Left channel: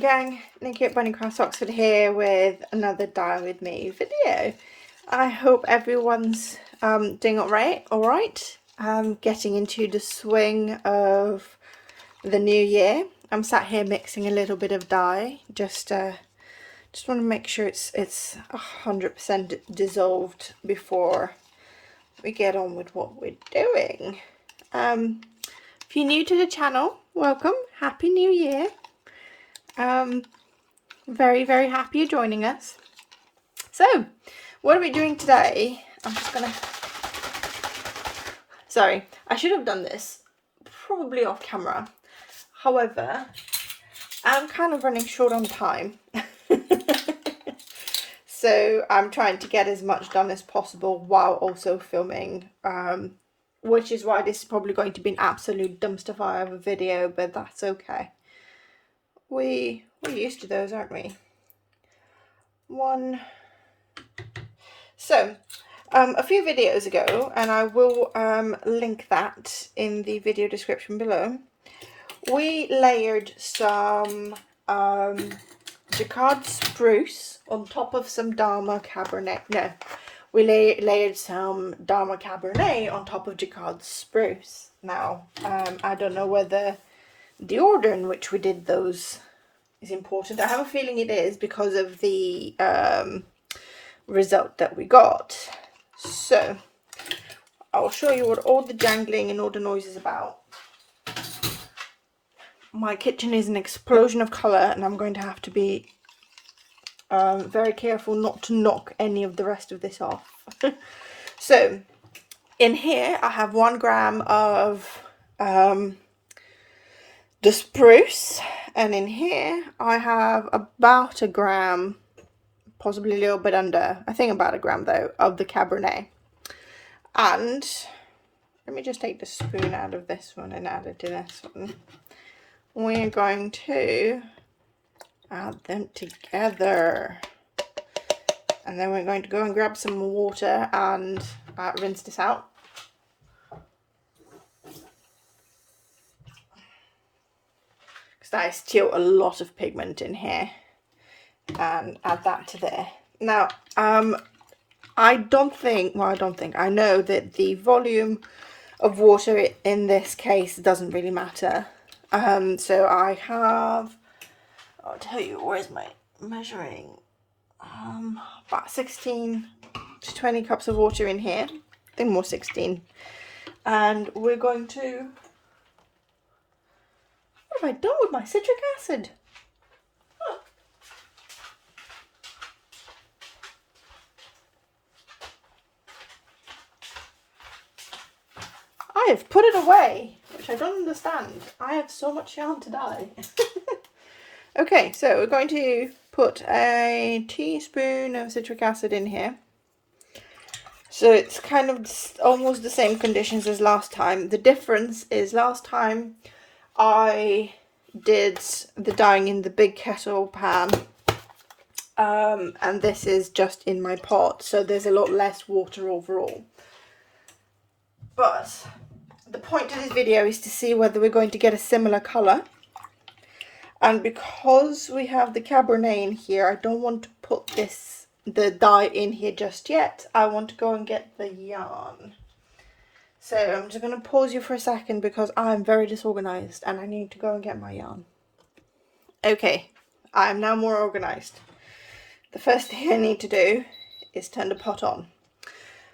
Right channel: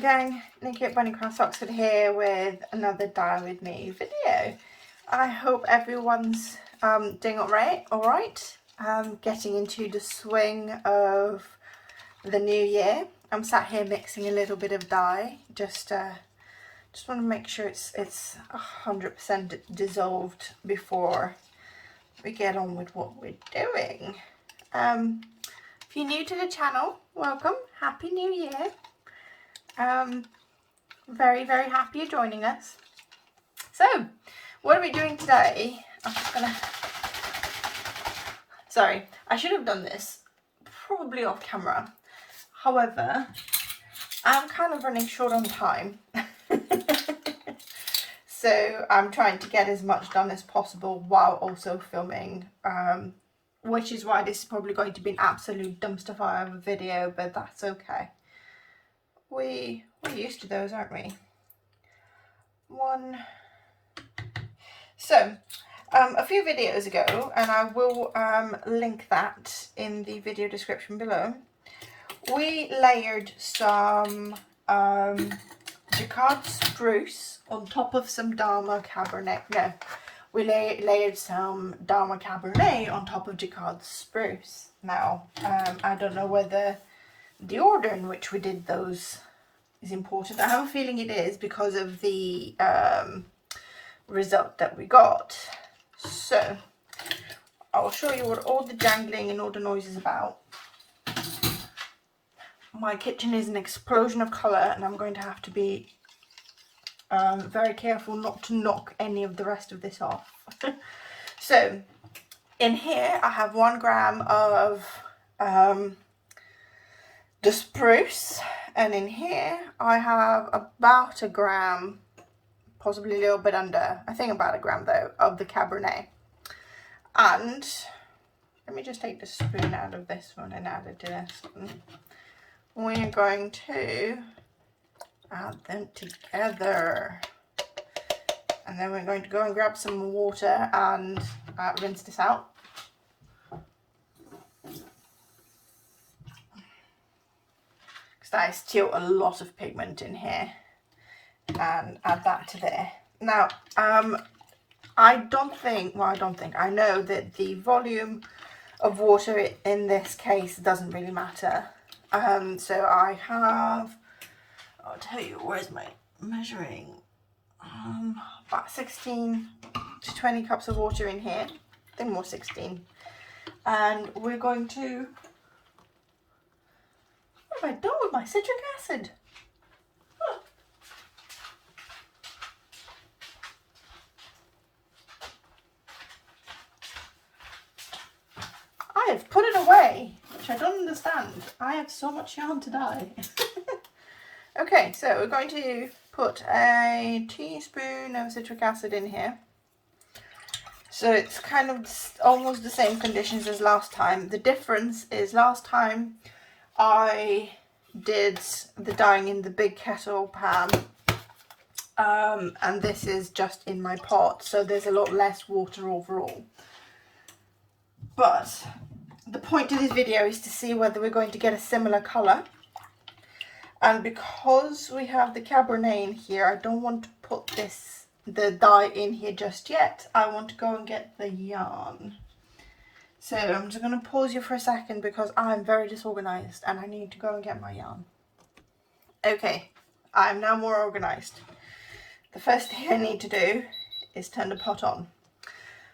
gang, Nikki at Bunny Cross Oxford here with another Dyer with Me video. I hope everyone's doing alright, getting into the swing of the new year. I'm sat here mixing a little bit of dye, just want to make sure it's 100% dissolved before we get on with what we're doing. If you're new to the channel, welcome, Happy New Year. Very happy you're joining us. So what are we doing today? I'm just gonna, sorry, I should have done this probably off camera, however I'm kind of running short on time. So I'm trying to get as much done as possible while also filming, which is why this is probably going to be an absolute dumpster fire of a video, but that's okay. We're used to those, aren't we? So, a few videos ago, and I will link that in the video description below, we layered some Jacquard spruce on top of some Dharma Cabernet. No, we layered some Dharma Cabernet on top of Jacquard spruce. Now, I don't know whether the order in which we did those is important. I have a feeling it is because of the result that we got. So I'll show you what all the jangling and all the noise is about. My kitchen is an explosion of colour and I'm going to have to be very careful not to knock any of the rest of this off. So in here I have 1 gram of the spruce, and in here I have about a gram, possibly a little bit under, I think about a gram though, of the Cabernet. And let me just take the spoon out of this one and add it to this one. We're going to add them together, and then we're going to go and grab some water and rinse this out. I still a lot of pigment in here, and add that to there. Now I know that the volume of water in this case doesn't really matter. So I have, I'll tell you, where's my measuring, about 16 to 20 cups of water in here, I think more 16, and we're going to, what have I done with my citric acid? Oh. I have put it away, which I don't understand. I have so much yarn to dye. Okay, so we're going to put a teaspoon of citric acid in here. So it's kind of almost the same conditions as last time. The difference is last time I did the dyeing in the big kettle pan, and this is just in my pot, so there's a lot less water overall. But the point of this video is to see whether we're going to get a similar colour, and because we have the Cabernet in here, I don't want to put the dye in here just yet. I want to go and get the yarn. So I'm just going to pause you for a second because I'm very disorganized and I need to go and get my yarn. Okay, I'm now more organized. The first thing I need to do is turn the pot on.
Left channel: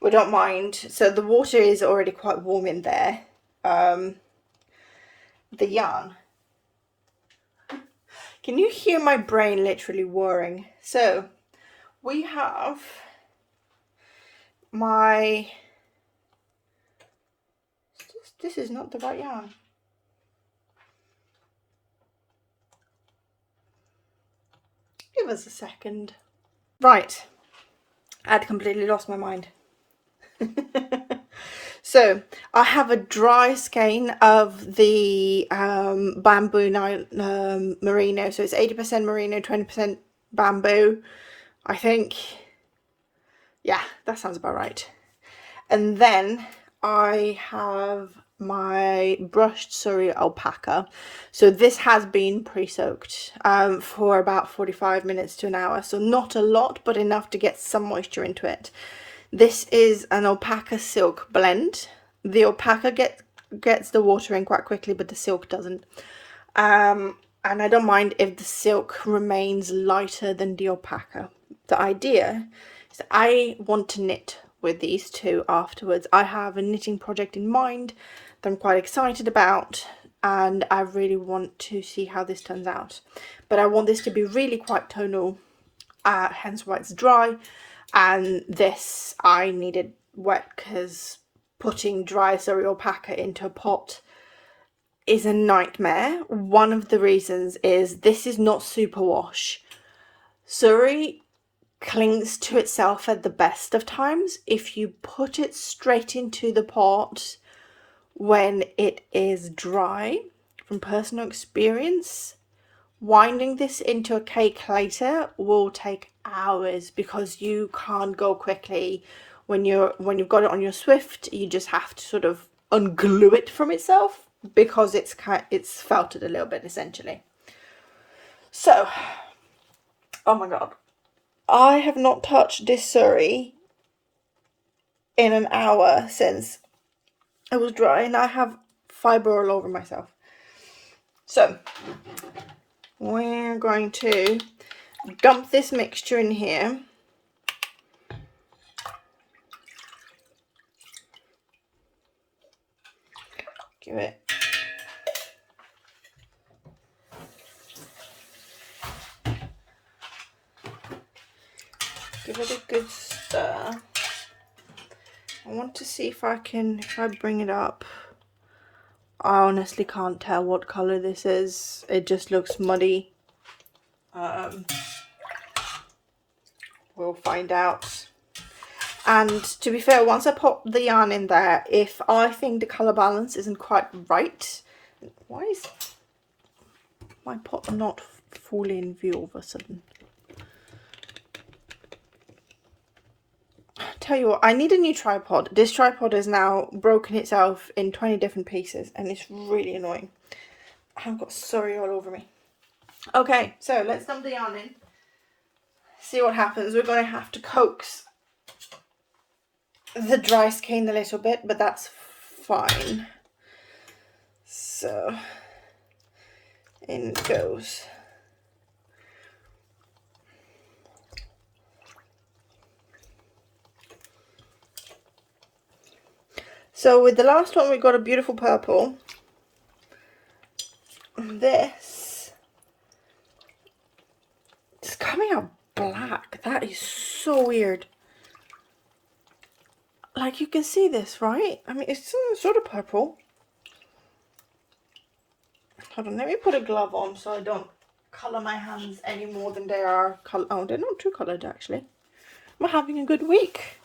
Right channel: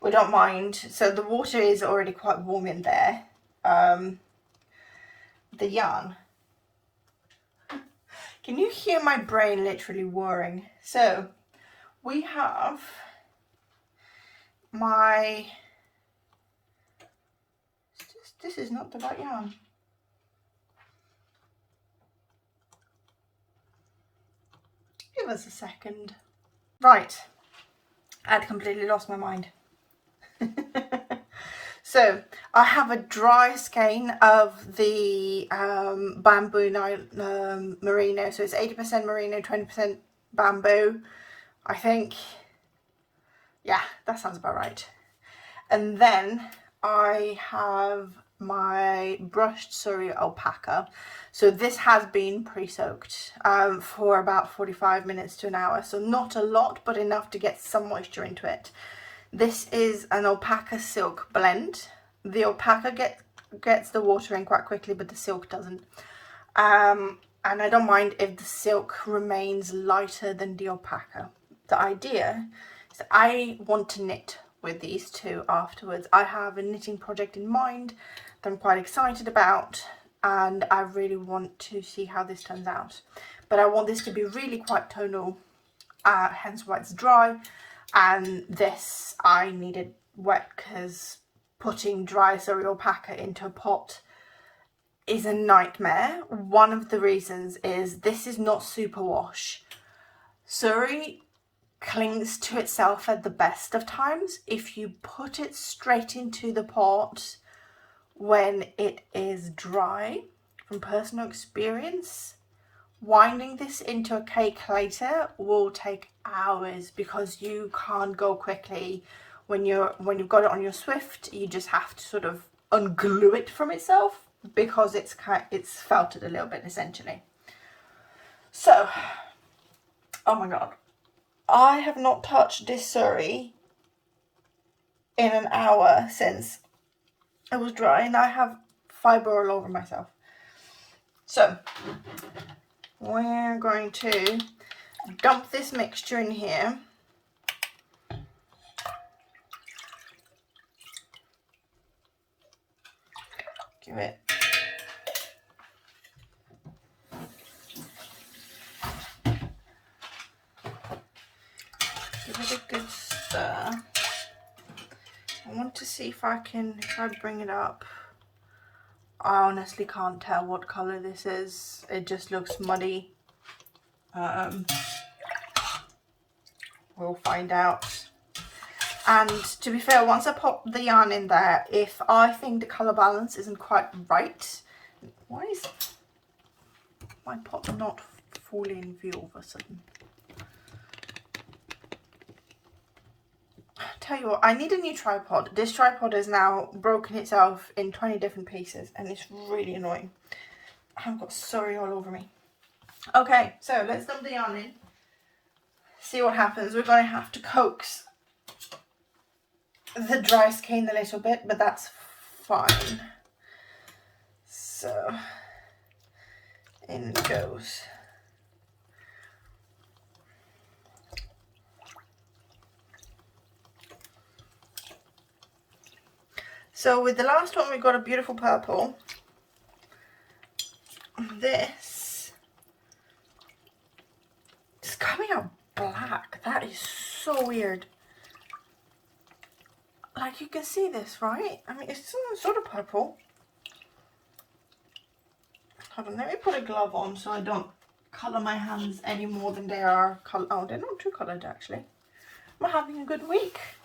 We don't mind, so the water is already quite warm in there. The yarn. Can you hear my brain literally whirring? So we have my, this is not the right yarn. Give us a second. Right, I'd completely lost my mind. So I have a dry skein of the bamboo merino, so it's 80% merino, 20% bamboo, I think. Yeah, that sounds about right. And then I have my brushed Surrey alpaca. So this has been pre-soaked for about 45 minutes to an hour, so not a lot, but enough to get some moisture into it. This is an alpaca silk blend. The alpaca gets the water in quite quickly, but the silk doesn't. And I don't mind if the silk remains lighter than the alpaca. The idea is that I want to knit with these two afterwards. I have a knitting project in mind that I'm quite excited about, and I really want to see how this turns out. But I want this to be really quite tonal, hence why it's dry. And this I needed wet, because putting dry Surrey alpaca into a pot is a nightmare. One of the reasons is this is not superwash. Surrey clings to itself at the best of times. If you put it straight into the pot when it is dry, from personal experience, winding this into a cake later will take hours, because you can't go quickly. When you've got it on your Swift, you just have to sort of unglue it from itself, because it's felted a little bit essentially. So, oh my god, I have not touched this Surrey in an hour since it was dry, and I have fibre all over myself. So we're going to dump this mixture in here. Give it a good stir. I want to see if I bring it up. I honestly can't tell what colour this is. It just looks muddy. We'll find out. And to be fair, once I pop the yarn in there, if I think the colour balance isn't quite right, why is my pot not fully in view all of a sudden? Tell you what, I need a new tripod. This tripod has now broken itself in 20 different pieces, and it's really annoying. I've got Surrey all over me. Okay, so let's dump the yarn in. See what happens. We're going to have to coax the dry skein a little bit, but that's fine. So in it goes. So with the last one, we got a beautiful purple. This is coming out black. That is so weird. Like, you can see this, right? I mean, it's sort of purple. Hold on, let me put a glove on so I don't colour my hands any more than they are coloured. Oh, they're not too coloured, actually. I'm having a good week.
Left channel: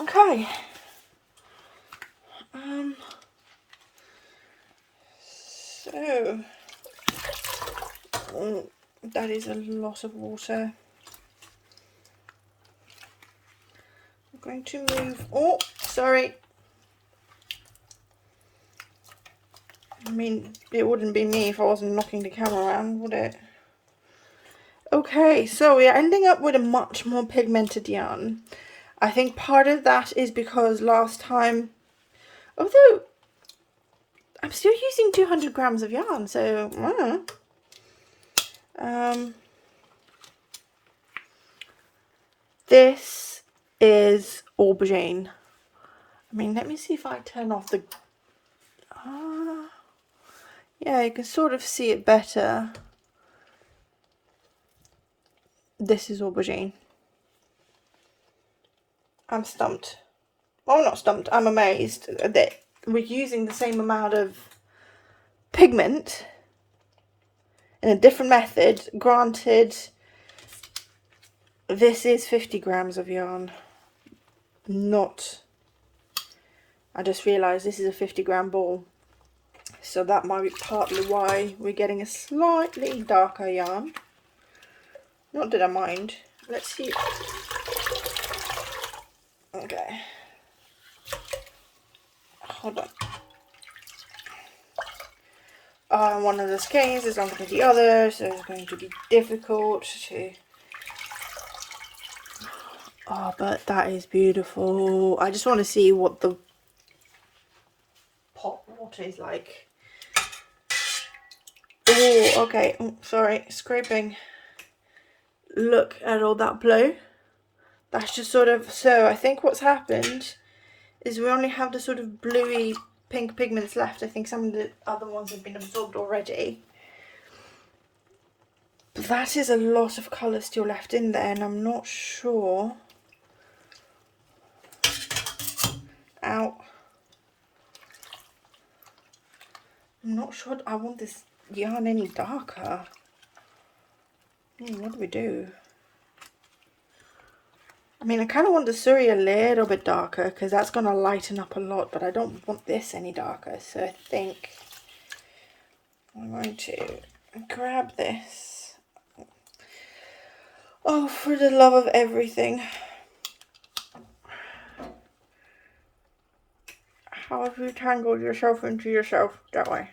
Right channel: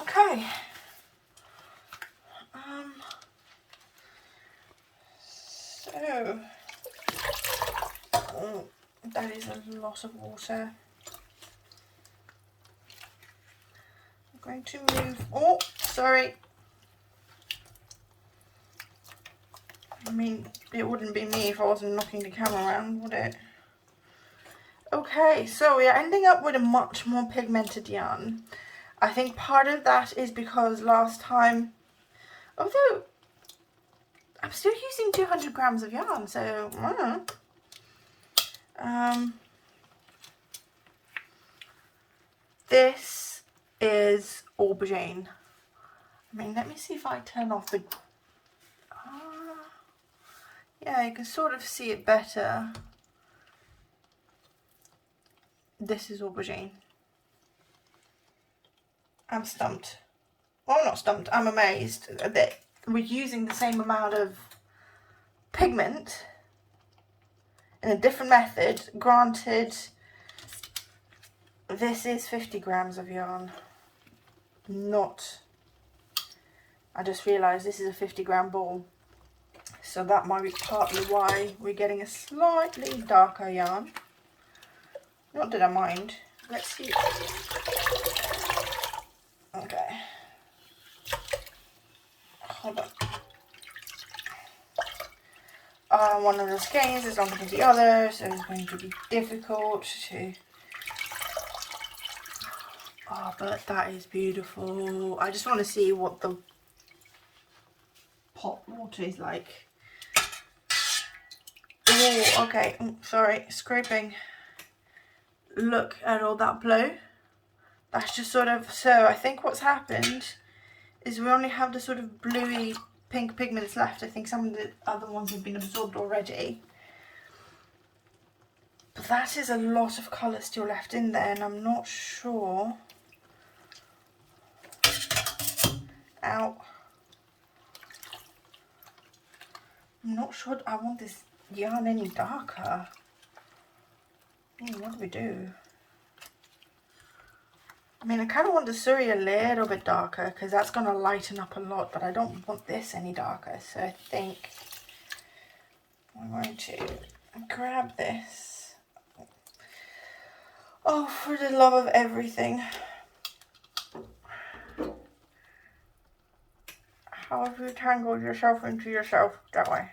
Okay. So, oh, that is a lot of water. I'm going to move, oh, sorry. I mean, it wouldn't be me if I wasn't knocking the camera around, would it? Okay, so we are ending up with a much more pigmented yarn. I think part of that is because last time, although I'm still using 200 grams of yarn, so this is aubergine. I mean, let me see if I turn off the, yeah, you can sort of see it better. This is aubergine. I'm stumped. Oh, not stumped, I'm amazed that we're using the same amount of pigment in a different method. Granted, this is 50 grams of yarn, not, I just realised this is a 50 gram ball, so that might be partly why we're getting a slightly darker yarn. Not that I mind. Let's see. Okay. hold on. One of the skeins is longer than the other, so it's going to be difficult to... Oh, but that is beautiful. I just want to see what the pot water is like. Oh, okay. Oh, sorry, scraping. Look at all that blue. That's just sort of... So I think what's happened is we only have the sort of bluey pink pigments left. I think some of the other ones have been absorbed already. But that is a lot of colour still left in there, and I'm not sure... Ow. I'm not sure I want this yarn any darker. What do we do? I mean, I kind of want the suri a little bit darker because that's going to lighten up a lot, but I don't want this any darker. So I think I'm going to grab this. Oh, for the love of everything. How have you tangled yourself into yourself that way?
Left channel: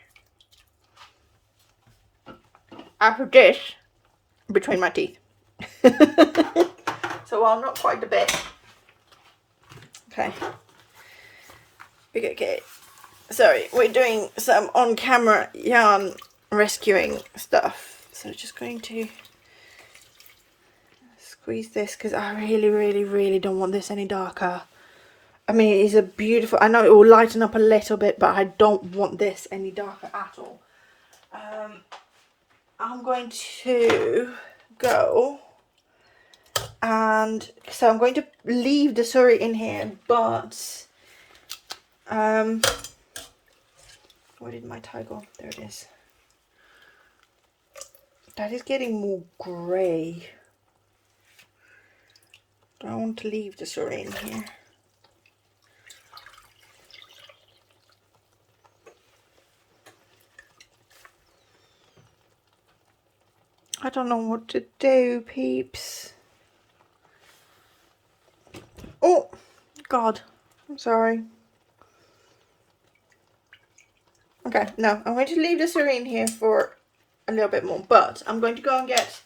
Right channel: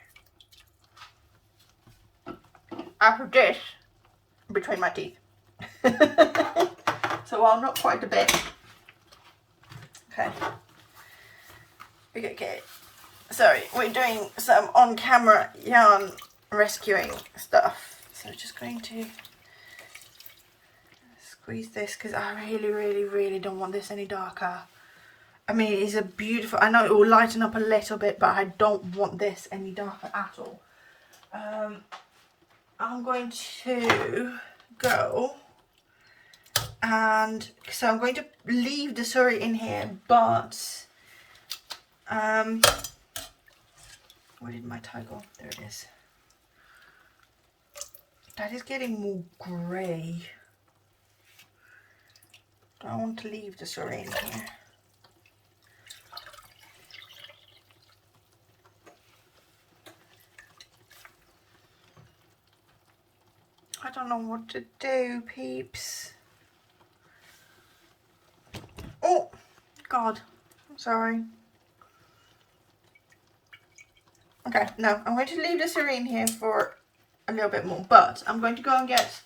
I put this between my teeth. So while not quite a bit. Okay. Okay. Sorry, we're doing some on-camera yarn rescuing stuff. So just going to squeeze this because I really don't want this any darker. I mean, it is a beautiful... I know it will lighten up a little bit, but I don't want this any darker at all. I'm going to go... And so I'm going to leave the suri in here, but where did my tie go? There it is. That is getting more grey. Do I want to leave the suri in here? I don't know what to do, peeps. Oh, God, I'm sorry. Okay, no, I'm going to leave the suri in here for a little bit more, but I'm going to go and get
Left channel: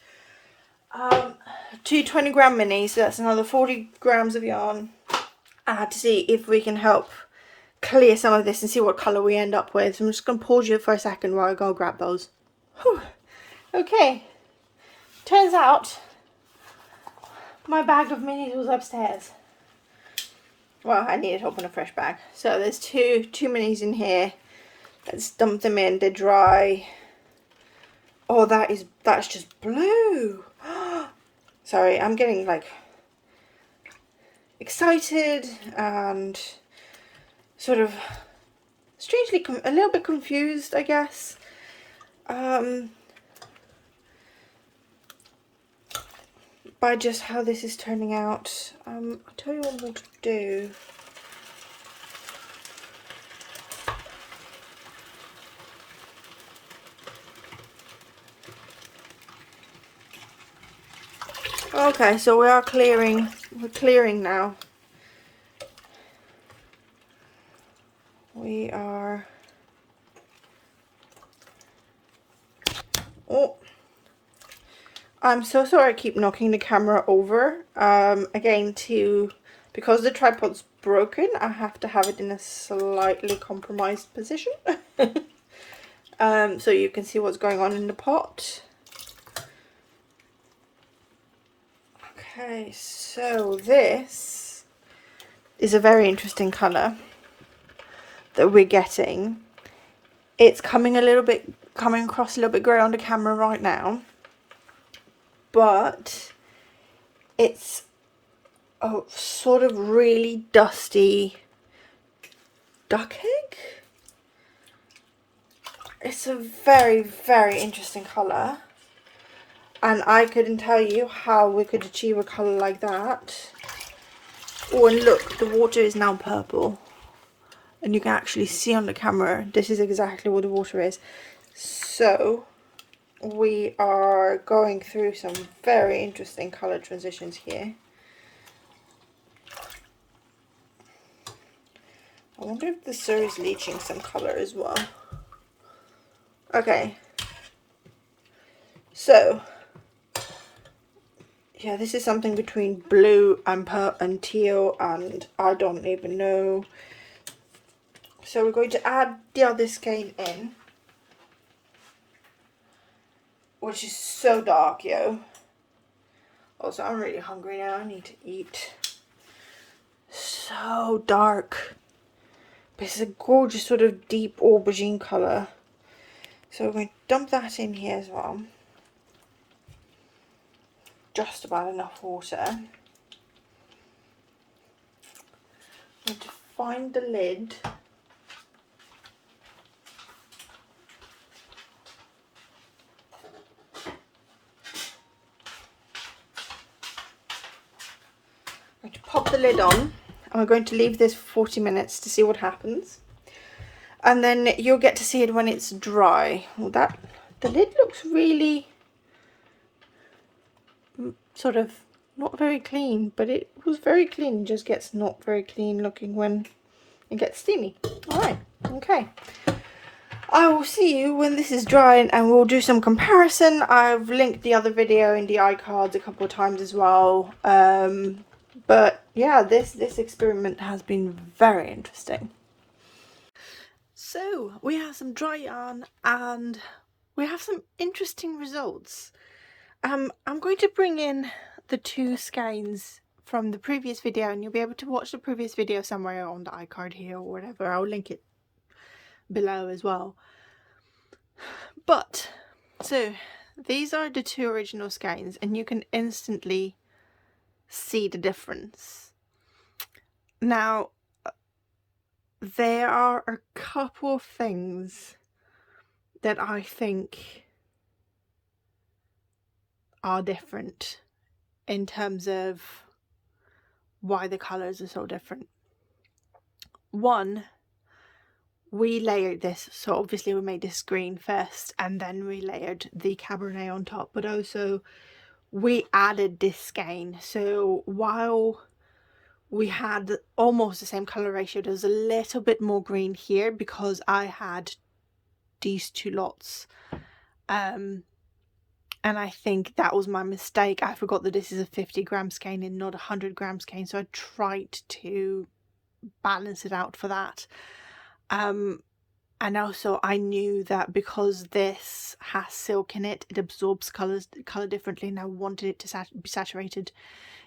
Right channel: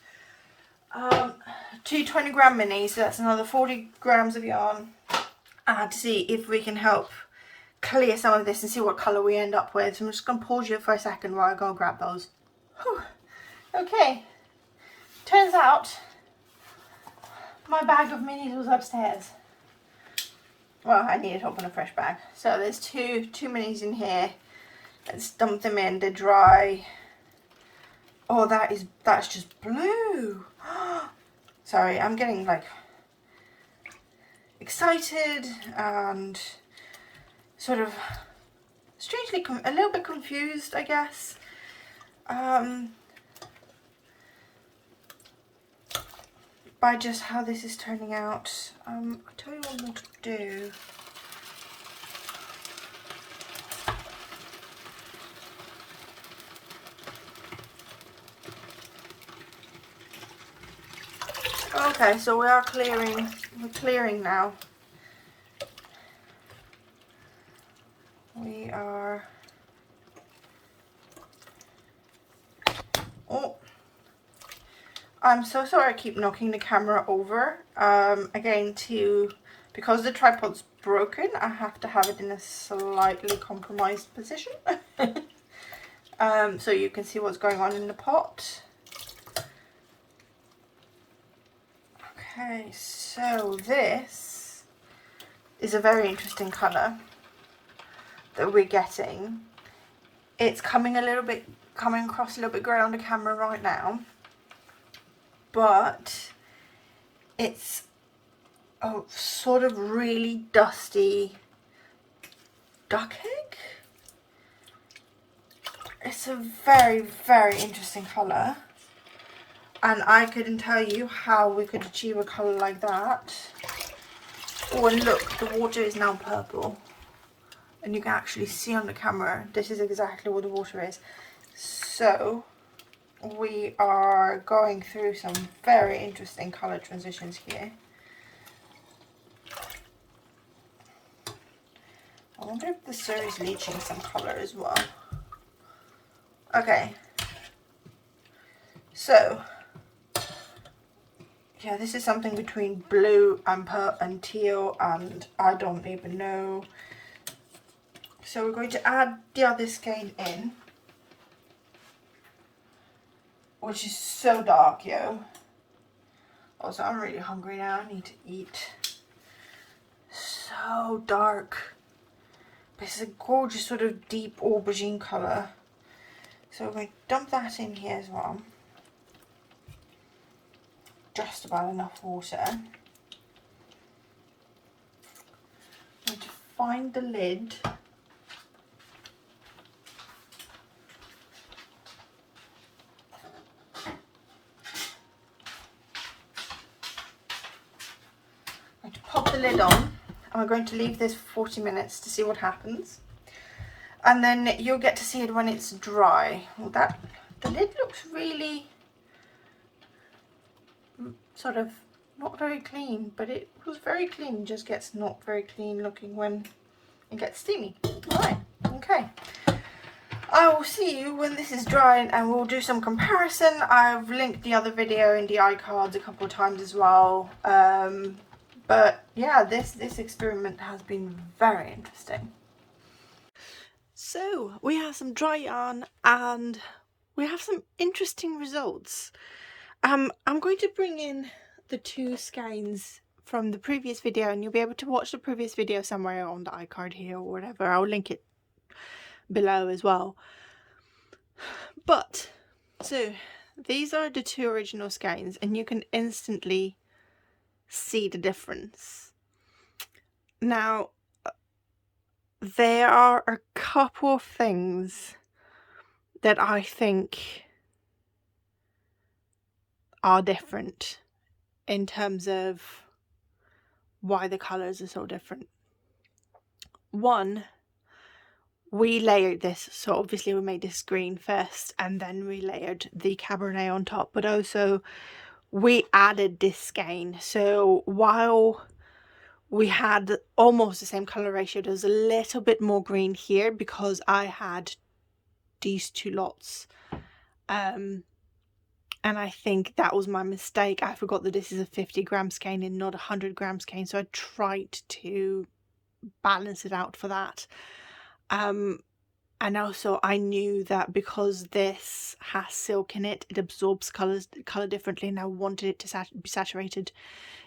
2 20-gram minis, so that's another 40 grams of yarn, to see if we can help clear some of this and see what colour we end up with. So I'm just going to pause you for a second while I go grab those. Whew. Okay, turns out my bag of minis was upstairs. Well, I needed to open a fresh bag. So there's two minis in here. Let's dump them in. They're dry. Oh, that's just blue. Sorry, I'm getting like excited and sort of strangely a little bit confused, I guess. By just how this is turning out. I'll tell you what we'll do. Okay, so we are clearing. We're clearing now. We are. Oh. I'm so sorry I keep knocking the camera over. Again, because the tripod's broken, I have to have it in a slightly compromised position. So you can see what's going on in the pot. Okay, so this is a very interesting colour that we're getting. It's coming across a little bit grey on the camera right now. But it's a sort of really dusty duck egg. It's a very interesting colour, and I couldn't tell you how we could achieve a colour like that. Oh, and look, the water is now purple, and you can actually see on the camera this is exactly what the water is. So we are going through some very interesting colour transitions here. I wonder if the sir is leaching some colour as well. Okay. So, yeah, this is something between blue and teal, and I don't even know. So we're going to add the other skein in, which is so dark, yo. Also, I'm really hungry now. I need to eat. So dark. But it's a gorgeous sort of deep aubergine colour. So we're going to dump that in here as well. Just about enough water. I'm going to find the lid. I'm going to pop the lid on, and we're going to leave this for 40 minutes to see what happens. And then you'll get to see it when it's dry. Well, the lid looks really sort of not very clean, but it was very clean. It just gets not very clean looking when it gets steamy. Alright, okay. I will see you when this is dry and we'll do some comparison. I've linked the other video in the iCards a couple of times as well. But yeah, this experiment has been very interesting. So we have some dry yarn and we have some interesting results. I'm going to bring in the two skeins from the previous video, and you'll be able to watch the previous video somewhere on the iCard here or whatever. I'll link it below as well. But so these are the two original skeins, and you can instantly see the difference. Now there are a couple of things that I think are different in terms of why the colours are so different. One, we layered this, so obviously we made this green first and then we layered the Cabernet on top, but also we added this skein. So while we had almost the same colour ratio, there's a little bit more green here because I had these two lots. And I think that was my mistake. I forgot that this is a 50-gram skein and not a 100-gram skein, so I tried to balance it out for that. And also I knew that because this has silk in it, it absorbs colour differently, and I wanted it to be saturated.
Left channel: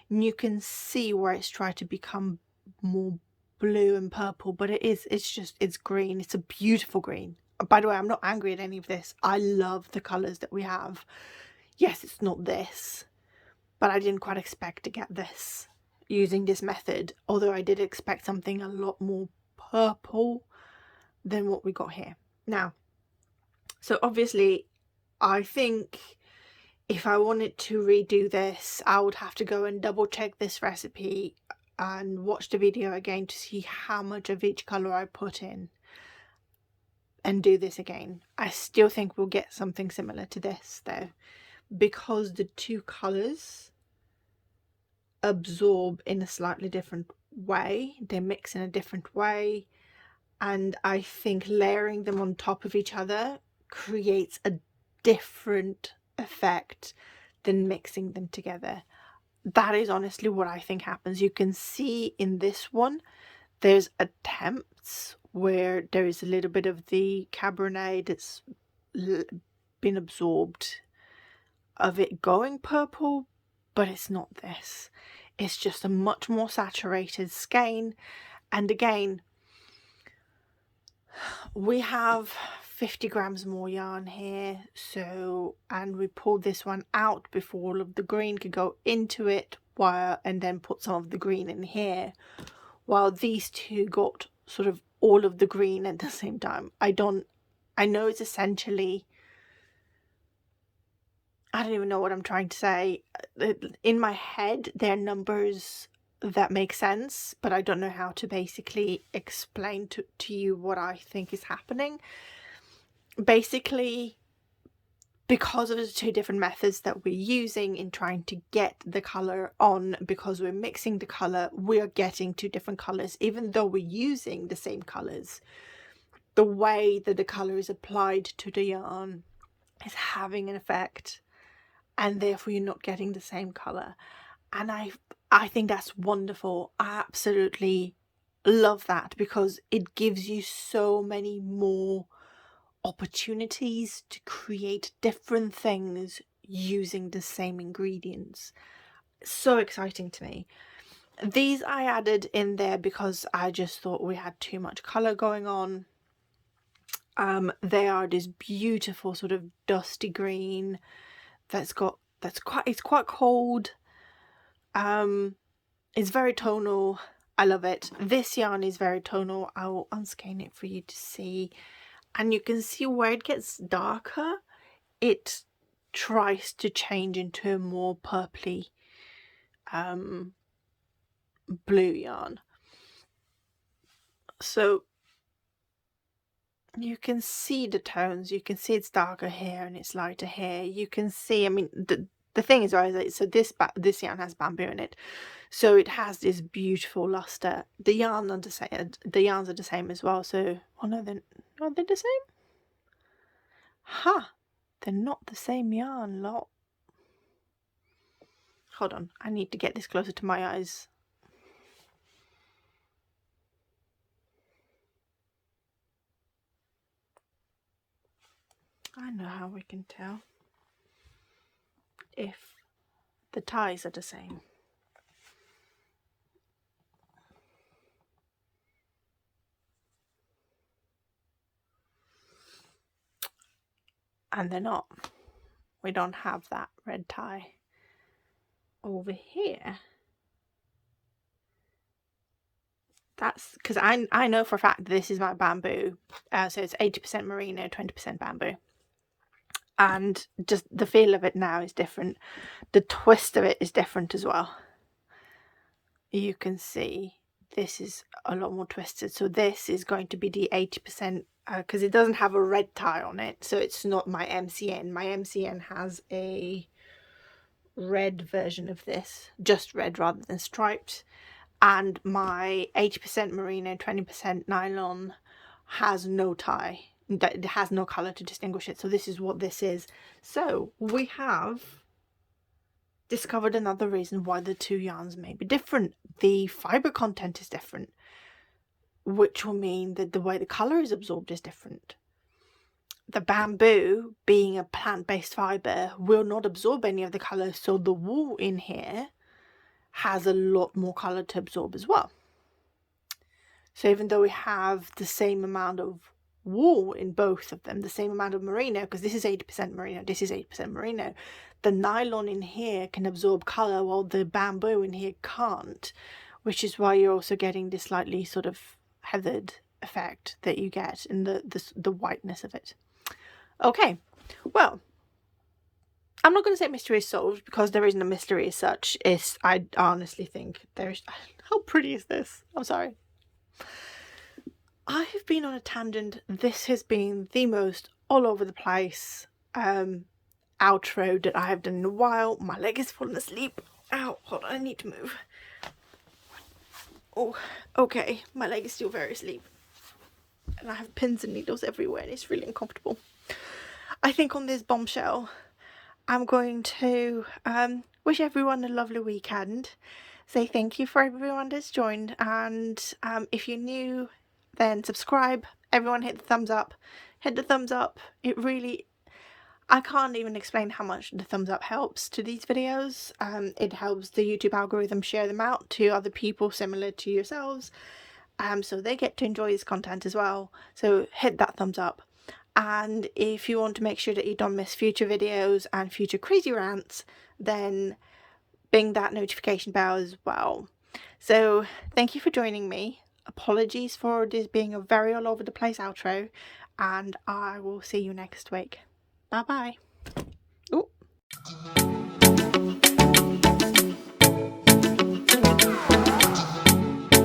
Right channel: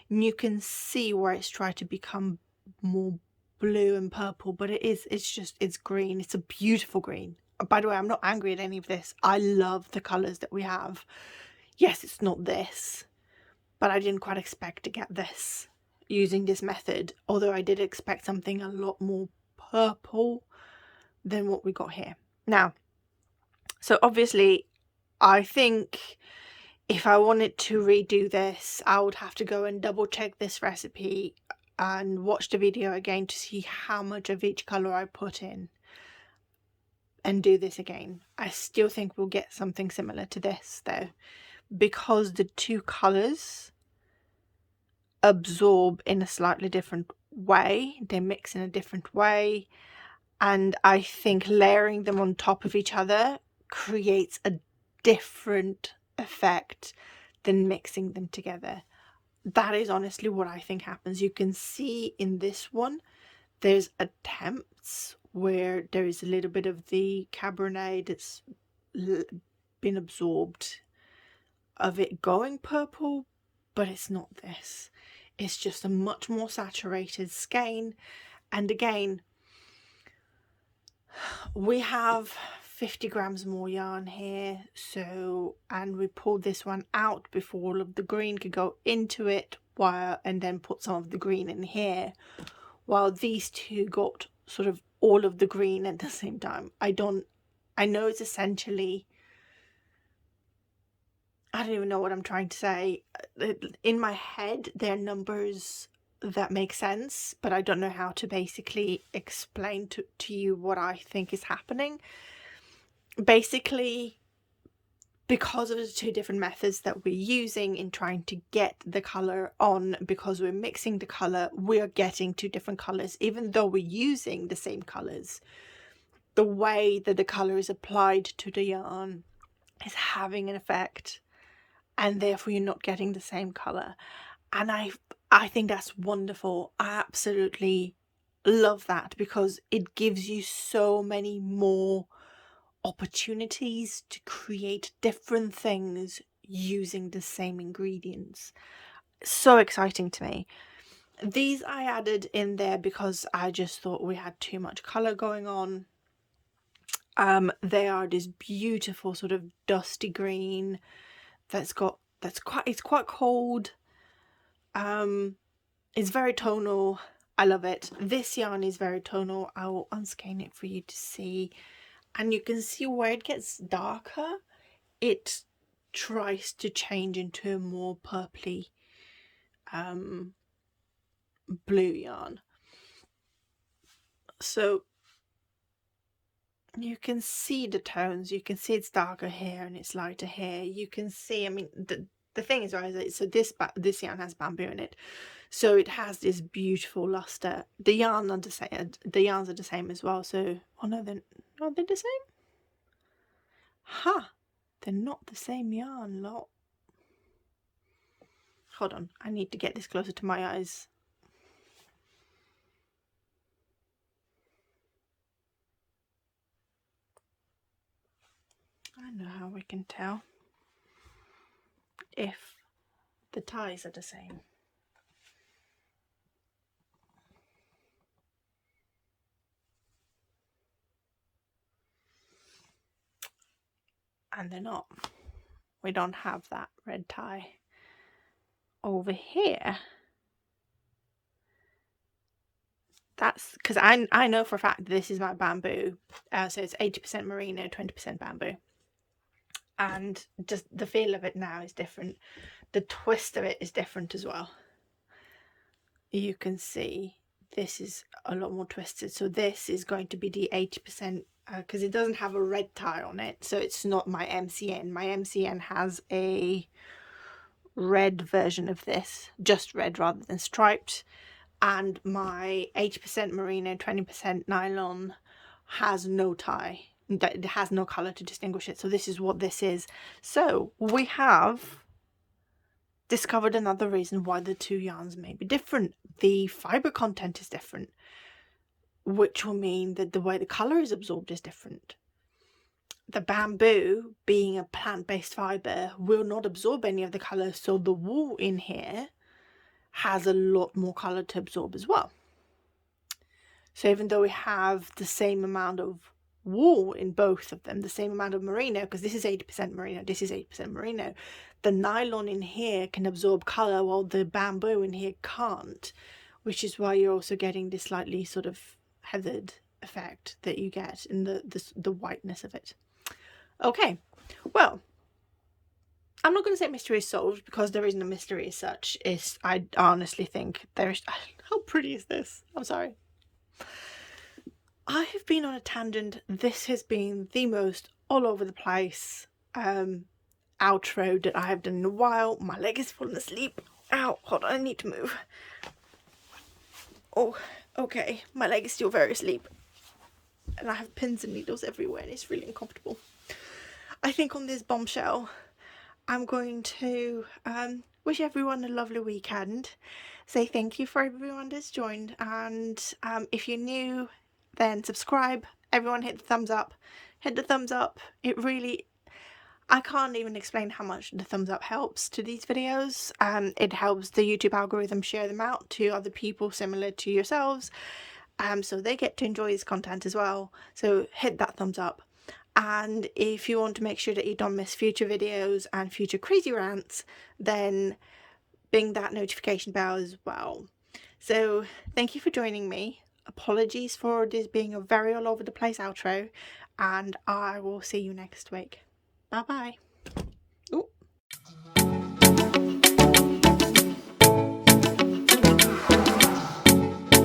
And you can see where it's tried to become more blue and purple, but it's green. It's a beautiful green. By the way, I'm not angry at any of this. I love the colours that we have. Yes, it's not this, but I didn't quite expect to get this using this method, although I did expect something a lot more purple than what we got here. Now, so obviously, I think if I wanted to redo this, I would have to go and double check this recipe and watch the video again to see how much of each colour I put in and do this again. I still think we'll get something similar to this though, because the two colours absorb in a slightly different way, they mix in a different way, and I think layering them on top of each other creates a different effect than mixing them together. That is honestly what I think happens. You can see in this one there's attempts where there is a little bit of the Cabernet that's been absorbed of it going purple, but it's not this. It's just a much more saturated skein. And again, we have 50 grams more yarn here, so, and we pulled this one out before all of the green could go into it, and then put some of the green in here, while these two got sort of all of the green at the same time. I know it's essentially, I don't even know what I'm trying to say. In my head, they're numbers that make sense, but I don't know how to basically explain to you what I think is happening. Basically, because of the two different methods that we're using in trying to get the color on, because we're mixing the color, we are getting two different colors. Even though we're using the same colors, the way that the color is applied to the yarn is having an effect, and therefore you're not getting the same color. And I think that's wonderful. I absolutely love that, because it gives you so many more opportunities to create different things using the same ingredients. So exciting to me. These I added in there because I just thought we had too much color going on. They are this beautiful sort of dusty green it's quite cold. It's very tonal. I love it. This yarn is very tonal. I will unskein it for you to see. And you can see where it gets darker, it tries to change into a more purpley blue yarn. So you can see the tones. You can see it's darker here and it's lighter here. You can see, I mean, the thing is, right, so this yarn has bamboo in it, so it has this beautiful luster. The yarns are the same as well. So, oh no, are they the same? Huh, they're not the same yarn lot. Hold on, I need to get this closer to my eyes. I know how we can tell if the ties are the same. And they're not. We don't have that red tie over here. That's because I know for a fact this is my bamboo. So it's 80% merino, 20% bamboo. And just the feel of it now is different. The twist of it is different as well. You can see this is a lot more twisted. So this is going to be the 80%, because it doesn't have a red tie on it. So it's not my MCN. My MCN has a red version of this, just red rather than striped. And my 80% merino, 20% nylon has no tie. It has no colour to distinguish it. So this is what this is. So we have discovered another reason why the two yarns may be different. The fibre content is different, which will mean that the way the colour is absorbed is different. The bamboo, being a plant-based fibre, will not absorb any of the colour, so the wool in here has a lot more colour to absorb as well. So even though we have the same amount of wool in both of them, the same amount of merino, because this is 80% merino, this is 80% merino, the nylon in here can absorb colour while the bamboo in here can't, which is why you're also getting this slightly sort of heathered effect that you get in the whiteness of it. Okay, well, I'm not going to say mystery is solved, because there isn't a mystery as such. I honestly think there's... How pretty is this? I'm sorry. I have been on a tangent. This has been the most all over the place outro that I have done in a while. My leg is falling asleep. Ow, hold on, I need to move. Oh, okay, my leg is still very asleep. And I have pins and needles everywhere and it's really uncomfortable. I think on this bombshell, I'm going to wish everyone a lovely weekend. Say thank you for everyone that's joined. And if you're new, then subscribe. Everyone hit the thumbs up. Hit the thumbs up. It really... I can't even explain how much the thumbs up helps to these videos. It helps the YouTube algorithm share them out to other people similar to yourselves. So they get to enjoy this content as well. So hit that thumbs up. And if you want to make sure that you don't miss future videos and future crazy rants, then bing that notification bell as well. So thank you for joining me. Apologies for this being a very all over the place outro, and I will see you next week. Bye bye.